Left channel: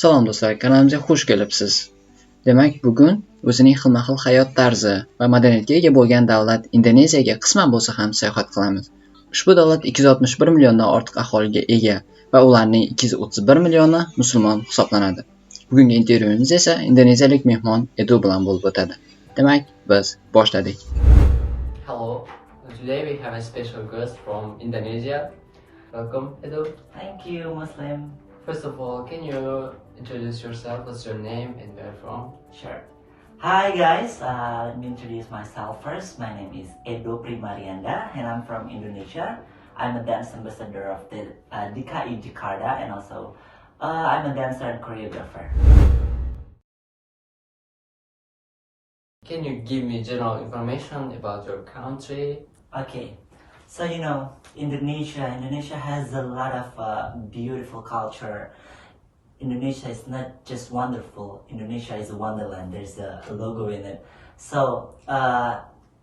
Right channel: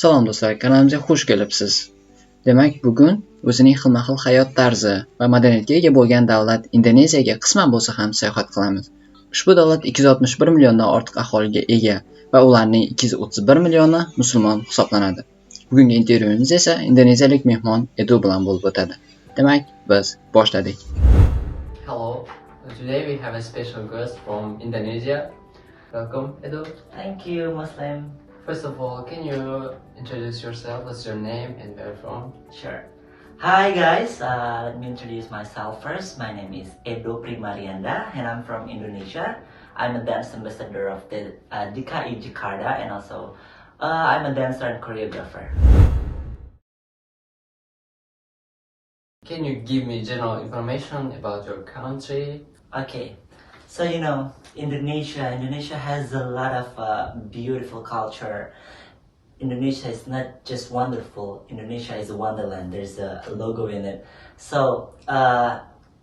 Salom do'stlar, kanalimizga xush kelibsiz. Demak, bugun o'zining xilma-xil hayot tarzi va madaniyatga ega bo'lgan davlat Indoneziyaga qisman bo'lsa ham sayohat qilamiz. Ushbu davlat 261 milliondan ortiq aholiga ega va ularning 231 millioni musulmon hisoblanadi. Bugungi intervyuimiz esa indoneziyalik mehmon Edo bilan bo'lib o'tadi. Demak, biz boshladik. Hello, today we have a special guest from Indonesia. Welcome, Edo. Thank you, Muslim. First of all, can you introduce yourself? What's your name and where you're from? Sure. Hi guys, let me introduce myself first. My name is Edo Prima Riyanda and I'm from Indonesia. I'm a dance ambassador of the DKI Jakarta and also I'm a dancer and choreographer. Can you give me general information about your country? Okay, so Indonesia has a lot of beautiful culture. Indonesia is not just wonderful, Indonesia is a wonderland. There's a logo in it. So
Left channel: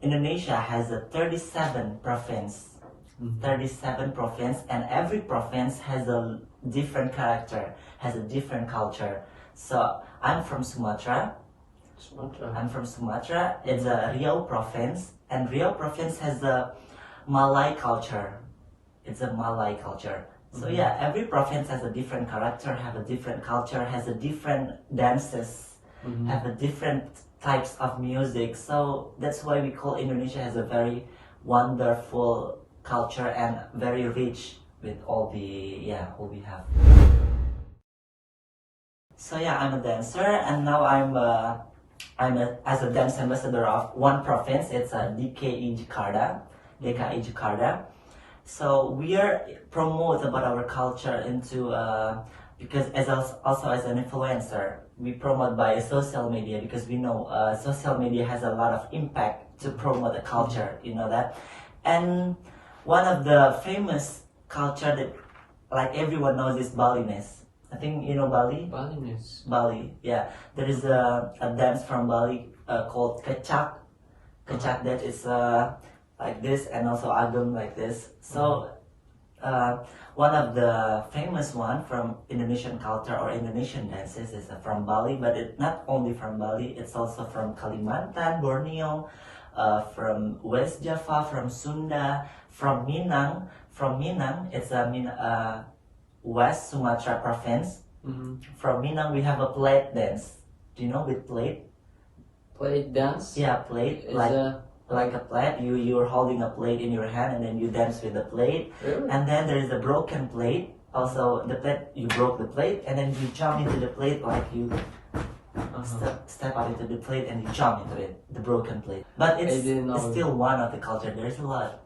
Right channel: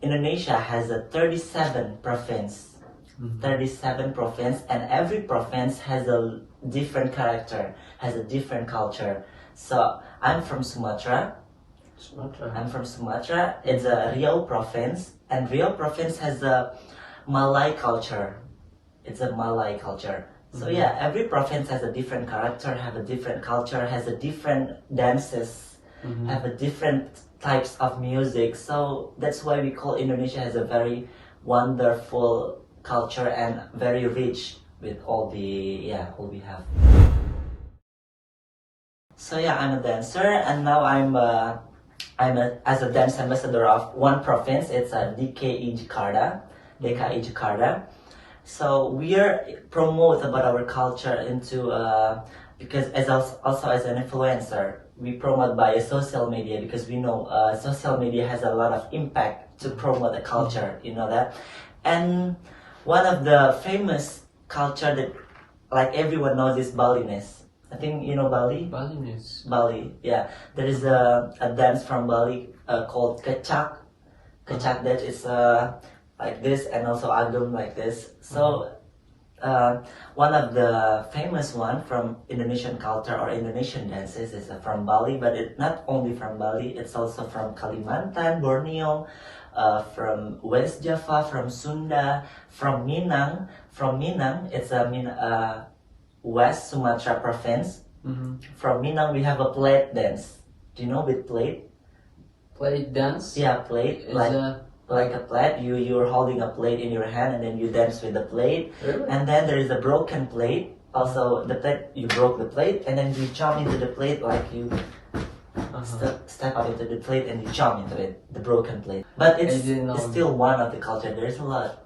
Indonesia has a 37 province. 37 province, and every province has a different character, has a different culture. So I'm from Sumatra. I'm from Sumatra. It's a Riau province, and Riau province has a Malay culture. It's a Malay culture. So yeah, every province has a different character, have a different culture, has a different dances, have a different types of music. So that's why we call Indonesia has a very wonderful culture and very rich with all we have. So yeah, I'm a dancer and now as a dance ambassador of one province. It's a DKI Jakarta. So we are promote about our culture into because also as an influencer, we promote by social media because we know social media has a lot of impact to promote the culture. You know that, and one of the famous culture that like everyone knows is Balinese. I think you know Bali. Balinese. Bali, yeah. There is a dance from Bali called kecak. Kecak that is like this, and also agam like this. So one of the famous one from Indonesian culture or Indonesian dances is from Bali, but it's not only from Bali, it's also from Kalimantan, Borneo, from West Java, from Sunda, from Minang. From Minang, it's West Sumatra province. From Minang we have a plate dance. Do you know with plate? Plate dance? Yeah, plate. Like a plate, you're holding a plate in your hand and then you dance with the plate. Really? And then there is a broken plate. Also the plate, you broke the plate and then you jump into the plate like you step out into the plate and you jump into it, the broken plate. But it's still one of the culture. There's a lot.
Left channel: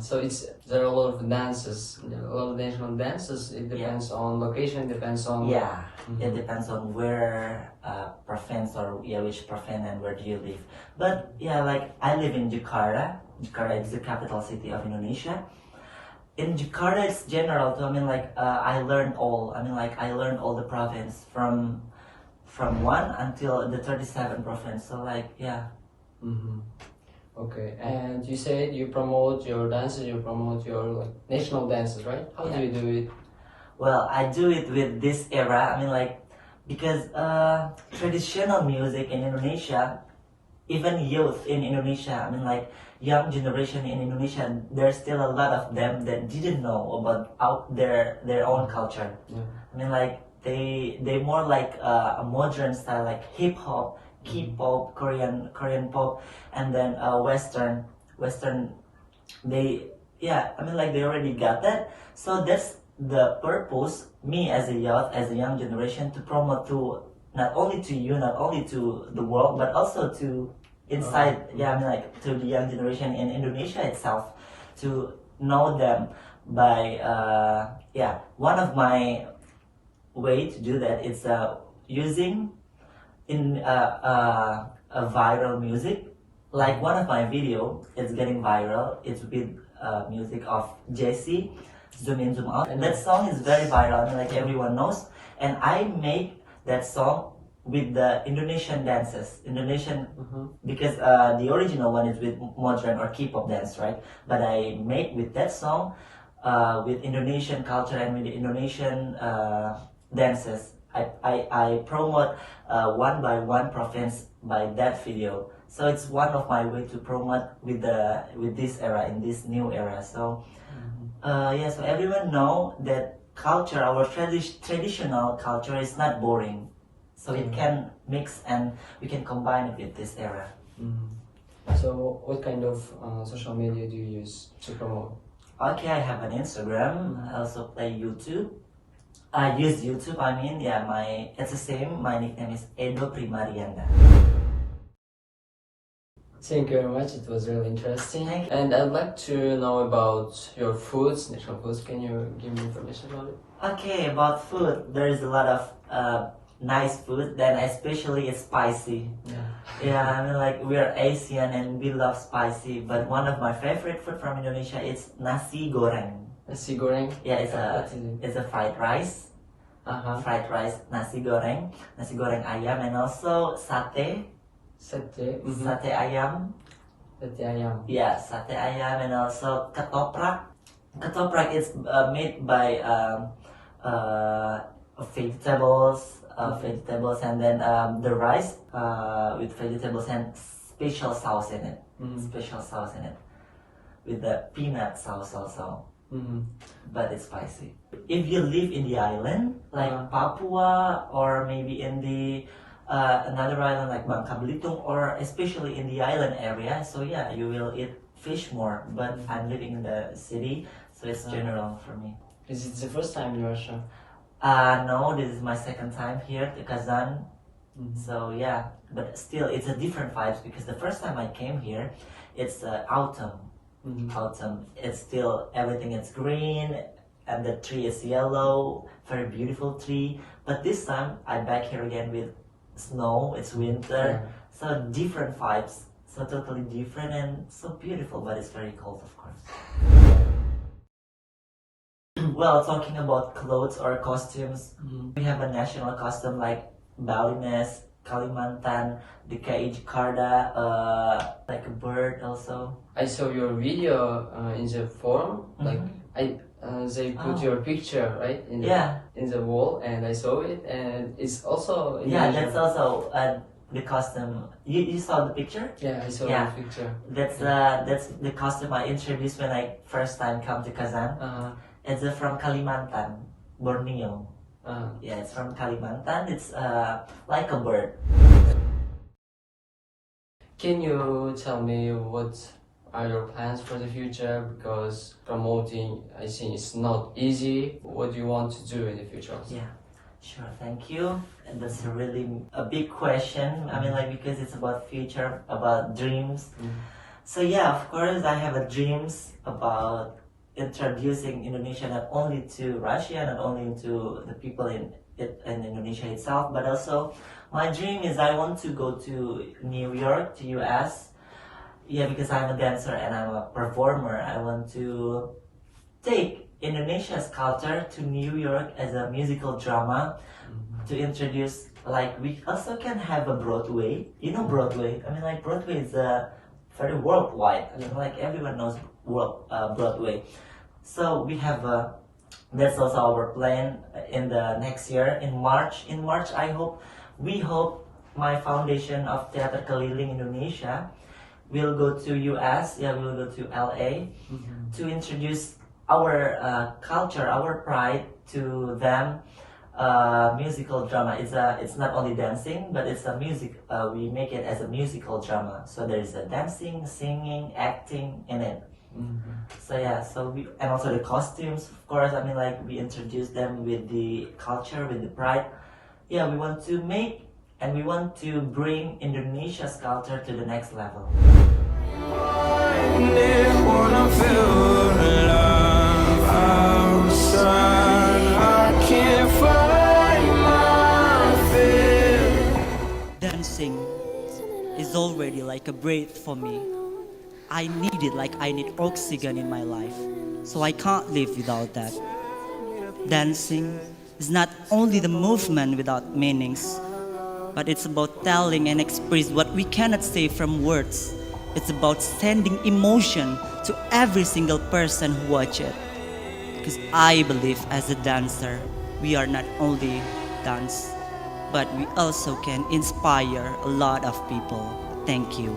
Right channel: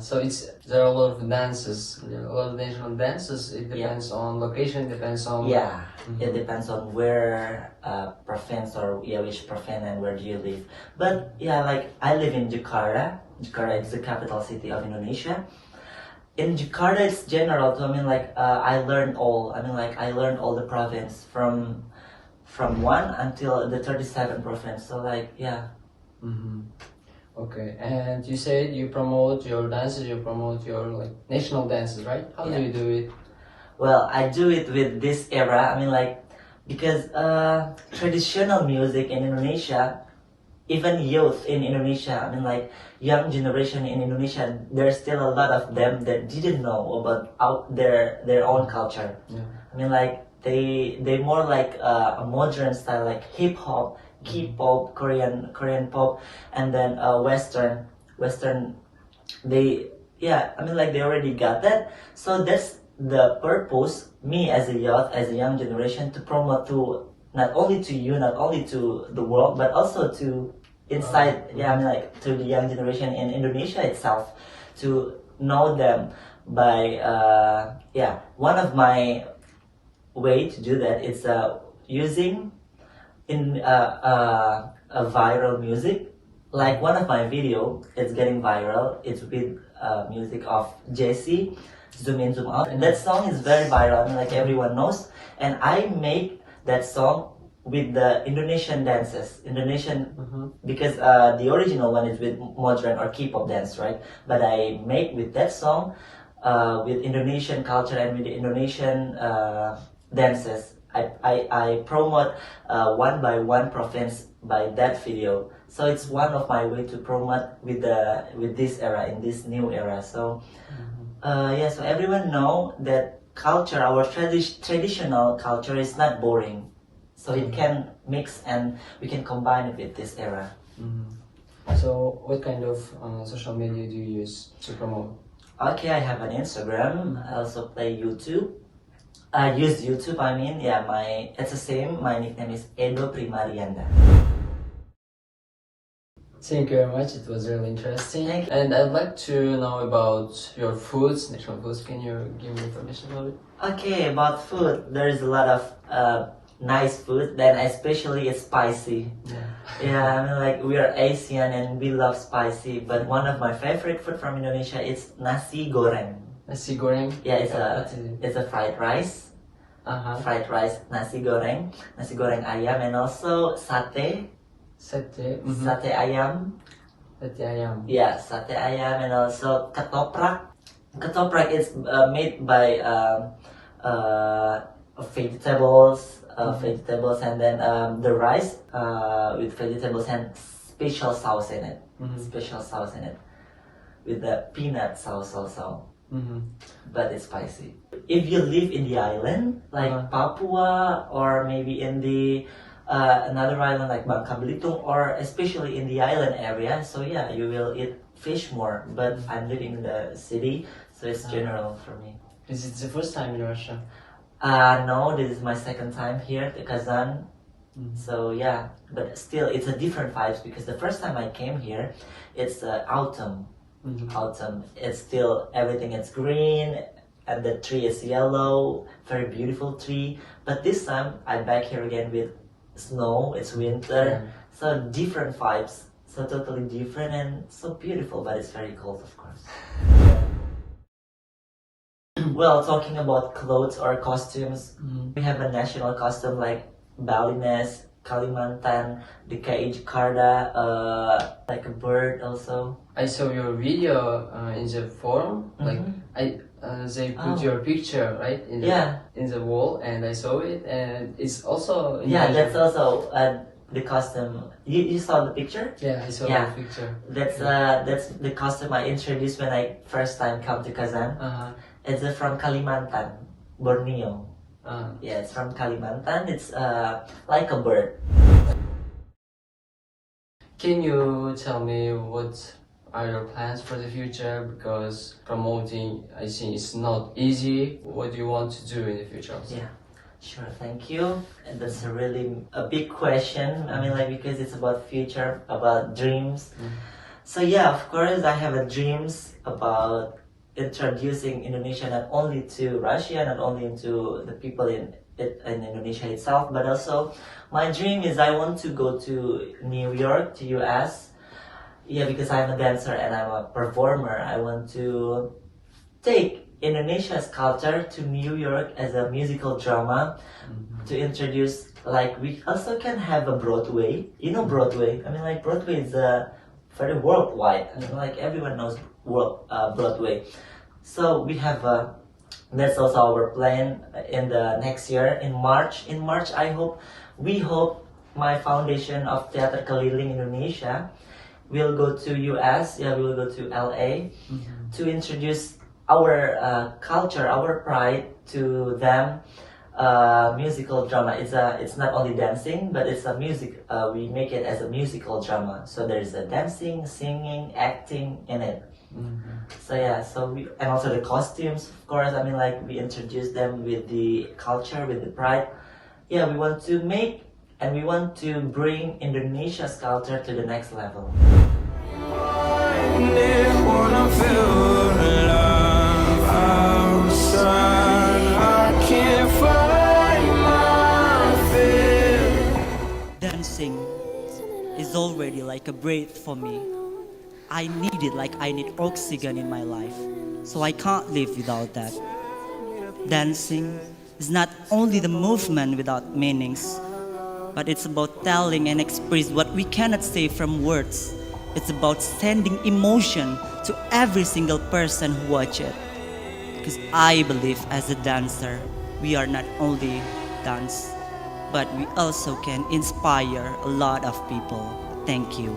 So there are a lot of dances, there are a lot of national dances. It depends on location, depends on It depends on where province or which province and where do you live. But yeah, like I live in Jakarta. Jakarta is the capital city of Indonesia. In Jakarta, it's general too. I learned all the province from 1 until the 37 province. So Okay, and you said you promote your dances, you promote your national dances, right? How do you do it? Well, I do it with this era. Because traditional music in Indonesia, even youth in Indonesia, young generation in Indonesia, there's still a lot of them that didn't know about their own culture. Yeah. They more like a modern style, like hip hop, K-pop, Korean pop, and then Western. They already got that. So that's the purpose. Me as a youth, as a young generation, to promote to not only to you, not only to the world, but also to inside. To the young generation in Indonesia itself, to know them by one of my way to do that is using in a viral music. Like one of my video, it's getting viral. It's with music of Jesse, Zoom In Zoom Out, and that song is very viral. Everyone knows. And I make that song with the Indonesian dances. Because the original one is with modern or K-pop dance, right? But I make with that song with Indonesian culture and with the Indonesian dances. I promote one by one province by that video. So it's one of my way to promote with this era, in this new era. So yeah, so everyone know that culture, our traditional culture is not boring. So it can mix and we can combine it with this era. So what kind of social media do you use to promote? Okay, I have an Instagram. I also play YouTube. I use YouTube. I mean, yeah, it's the same. My nickname is Edo Prima Riyanda. Thank you very much. It was really interesting. Thank you. And I'd like to know about your foods, national foods. Can you give me information about it? Okay, about food, there's a lot of nice food. Then especially it's spicy. Yeah, I mean like we are Asian and we love spicy. But one of my favorite food from Indonesia is nasi goreng. Nasi goreng? Yeah, What is it? it's a fried rice. Fried rice, nasi goreng ayam, and also sate. Sate. Sate ayam. Sate ayam. Yeah, sate ayam, and also ketoprak. Ketoprak is made by vegetables, and then the rice with vegetables and special sauce in it. Special sauce in it with the peanut sauce also. But it's spicy. If you live in the island like Papua, or maybe in the another island like Bangka Belitung, or especially in the island area, so yeah, you will eat fish more. But I'm living in the city, so it's general for me. Is it the first time in Russia? No, this is my second time here to Kazan. So yeah, but still it's a different vibes, because the first time I came here, it's autumn. Autumn. It's still everything is green and the tree is yellow, very beautiful tree. But this time I'm back here again with snow. It's winter, so different vibes. So totally different and so beautiful, but it's very cold, of course. Well, talking about clothes or costumes, we have a national costume like Balinese, Kalimantan, DKI Jakarta, like a bird also. I saw your video in the forum. Like they put your picture right in the wall, and I saw it, and it's also that's also the costume. You saw the picture? Yeah, I saw the picture. That's the costume I introduced when I first time come to Kazan. It's from Kalimantan, Borneo. Yeah, it's from Kalimantan. It's like a bird. Can you tell me what are your plans for the future? Because promoting, I think, is not easy. What do you want to do in the future also? Yeah, sure. Thank you. And that's really a big question. I mean, like, because it's about future, about dreams. So yeah, of course, I have a dreams about introducing Indonesia not only to Russia, not only to the people in Indonesia itself, but also my dream is I want to go to New York, to US. Yeah, because I'm a dancer and I'm a performer. I want to take Indonesia's culture to New York as a musical drama, to introduce, like, we also can have a Broadway. You know Broadway? I mean, like, Broadway is very worldwide. I mean, like, everyone knows Broadway. So we have that's also our plan in the next year, in March. In March, we hope my foundation of Teater Keliling Indonesia will go to US. Yeah, we will go to LA to introduce our culture, our pride to them. Musical drama. It's not only dancing, but it's a music. We make it as a musical drama. So there is a dancing, singing, acting in it. So yeah, and also the costumes, of course. I mean, like, we introduce them with the culture, with the pride. Yeah, we want to make and we want to bring Indonesia's culture to the next level. Dancing is already like a breath for me. I need it like I need oxygen in my life, so I can't live without that. Dancing is not only the movement without meanings, but it's about telling and express what we cannot say from words. It's about sending emotion to every single person who watch it. Because I believe as a dancer, we are not only dance, but we also can inspire a lot of people. Thank you.